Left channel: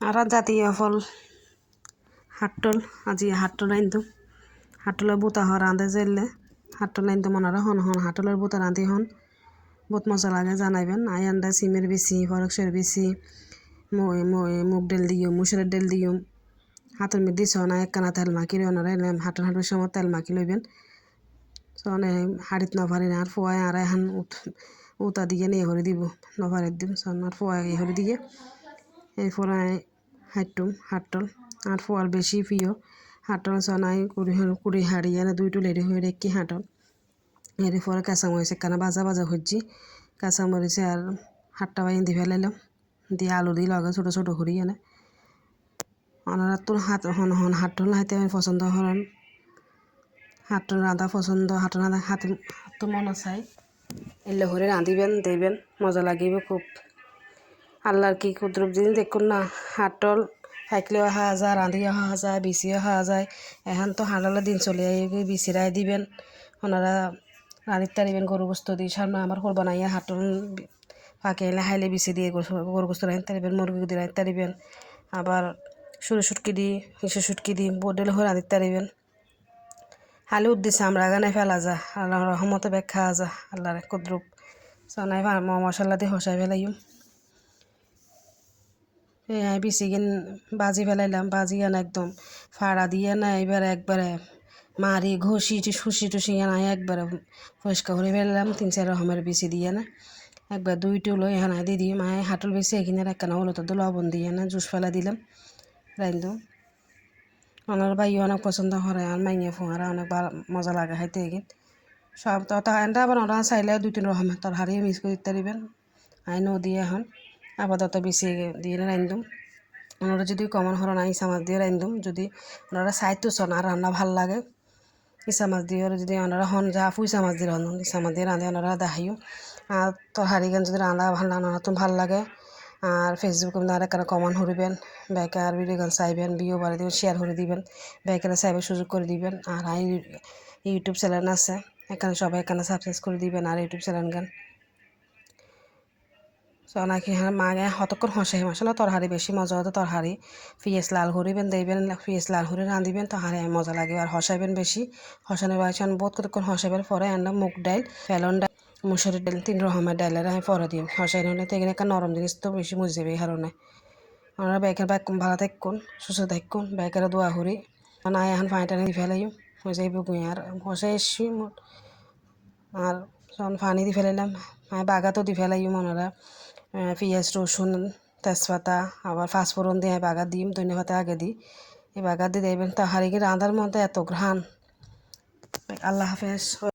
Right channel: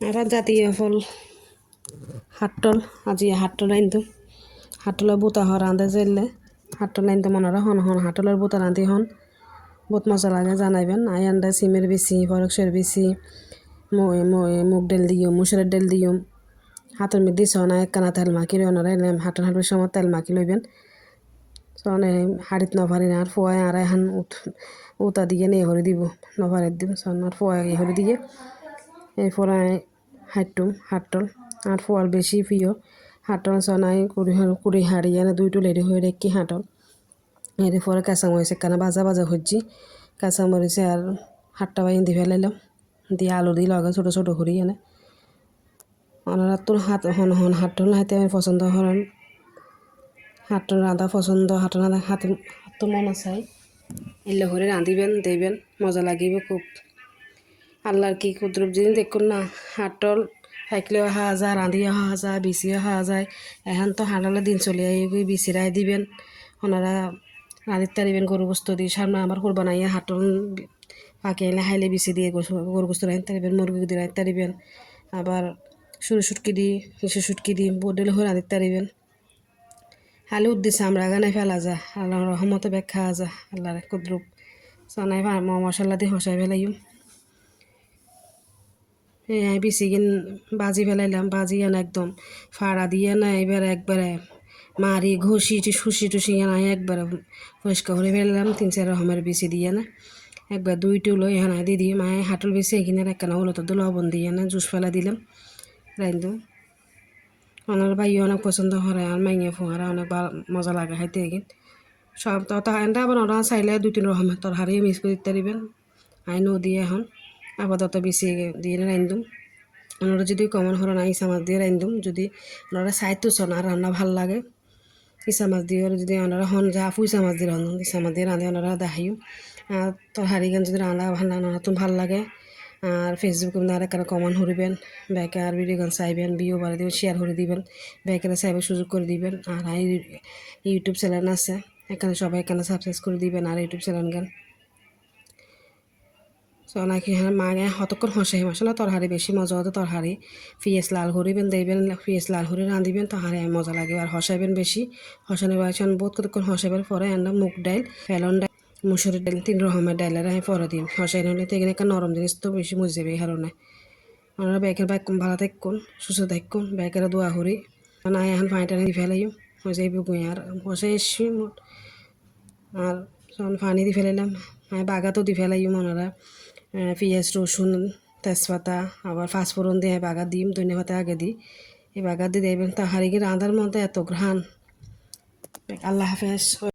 আর জাতীয় ফল হাট্টল আজি হাট্টল আনতো হাট্টলের বোতা হ রাঁধে যাইলে হাট্টল আনতো মনে হন হন হাট্টলের বোতা রাঁধি হন বহুত মজা লাগে জানাইবেন আই আন্ডা সিমের বেশি ফরকসের বেশি মুগ ডাল দিও মুসুরের ডাল দিও হাতের মধ্যে সনা একখানা তেল মাখি ওনারা হাটল হাঁটবের সময় তেল মাখি লইবেন সনে হাড়িত নভারি না আর ফোয়াই আর এখন উতা দিয়ে নিয়ে হরে দিব নভারের দিব সন আর ফোয়াই হরে দিয়ে এরপর হাটল আর ফোয়ার বেশি প্রিয় হাটল সনাই কুড়ি হাড়িয়ে না দুই টুলেরি হয়ে রেখি হাটল এরপরে কাঁচামরিচ একখানা ভাজা ভাজা হচ্ছি কাঁচামরিচে আর হাটটা বাইন দিয়ে ফেলাইলাম দিয়ে আলু দিয়ে লগে ছোটো ছোটো করি এনে ওনারা তোর হাত হন হন হাটল হাতে আমি পছন্দ হন হাটল রাঁধা পছন্দ হাটল রাঁধা হাতে হাত মনে চাই এলে করে রাঁধিবেন দেবেন মজা লাগিব খুব আল্লাহর কি কুদরত জিনিস দেখুন না হাটল থাকলেও খাওয়া যায় রাঁধিও খাওয়া যায় বিচিও খাওয়া যায় এখন তো হাটলের দিন চলে আই বিচিরাই দিবেন ওনারা রাঁধিতে তারিবেন গরু বস্তু দিয়ে সামনে আমার কোরবান আইয়া হাটল পাকে এলে হাইলে বিচি দিয়ে গরু বস্তু রাঁধতে তারিবেন মুরগি দিয়ে রাঁধতে তারিবেন আবার সরু সুটকি দিই হিসু সুটকি দিই বোডেল হয়ে রাঁধতে তারিবেন হালি উদ্দেশ্যে আমরা গানে ফেলা যা আল্লাহ রহমতে ব্যাগ খাওয়া যা আল্লাহর কুদরত সনাই মশলা দিয়ে হসাই ফেলাইম এই বিচিগিন বাজি ফেলাইলাম বাজি না একদম ফাড়া দিয়ে না এবার একবারে মারি ঘষি টুসি না একবারে পরিষ্কার করে ফেললাম 3-4 রকমের বিচি দিয়ে না একবার 2 টুলো এখানে দিয়ে দিয়ে মায়ে হাটল বেশি এখানে একখানা হলো তো লবণ দিয়ে না জুস ফেলা দিলাম রাইন্দু ওনার ভাই অনেক পছন্দ করে আর মাইয়া ফোঁয়ারা অনেক মজা লাগে খাইতে এগিন সব তরকারিটা আবার ওরা চাইলে 2-3 রকমের তরকারি মিক্স করে দিতে পারিবেন আই দিয়ে এখন আপাতত বেশি দিয়ে রান্ধুম ওনারা যদি কমন হরণ ইসা মাছ দিয়ে রান্ধুম যদি ওনারা চাইতো শোন আর রান্না ভাল লাগে ইসা মাছ দিয়ে যদি ওনারা হন যা ফুইসা মাছ দিয়ে রান্ধুন ইসা মাছ দিয়ে রাঁধে ওনারা দেখাইও আর তরকারি গান যদি রান্না ভাল রান্না তো ভাল লাগে আর ফেসবুকে আপনারা কেন কমন হরিবেন বেকার ভিডিও গান চাইবেন বিও বাড়ি দিবেন শেয়ার করে দিবেন বেকারে চাইবে সুযোগ করে দিবেন আর ইউটিউব চ্যানেল আছে এখানে সবাই এখানে সাবস্ক্রাইব করে দিবেন আর ইউটিউব চ্যানেল গান নাকি হ্যাঁ মাগে হতক্ষণ হসাই মশলা তরহারি বেশি মজা হতো তরহারি পিঁয়াজ লাল হরিবেন দেবেন পিঁয়াজ লাল হরে রাঁধিবেন তরহারি মজা লাগে আর হসাইবেন বেশি হসানোর বাড়ি বহুত কতক্ষণ হসাইবেন পরে আনলাম মুগ ডাইল ফেলন ডাল মুসুরের ডাল 3 রকমের ডাইলের আমি পরে দিই হসাই নিলে তো এখানে একটা নরম জিনিস তো বেশি মজে যাবে এই কারণে আমরা ব্যাগের ব্যাগ ভালো থাকুন সুস্থ থাকুন ব্যাগের দোয়া হরি না এখন পানিটা নিয়ে ফেলাই হয়ে যাইব গুঁই আর হসাই এসছি আর পানি দিয়ে ফেলাইলাম বাগাতো দিয়ে ফেলাই মনেরা পেঁয়াজ রসুন তেজপাতা আবার ফাঁসফোড়ন দিয়ে বাগা দিম ধনিয়া পাতা আগে দিই এই বাগা দিয়ে দেবেন তো হারিয়ে রাঁধার মধ্যে এত ঘ্রাণ আল্লাহ হাফেজ।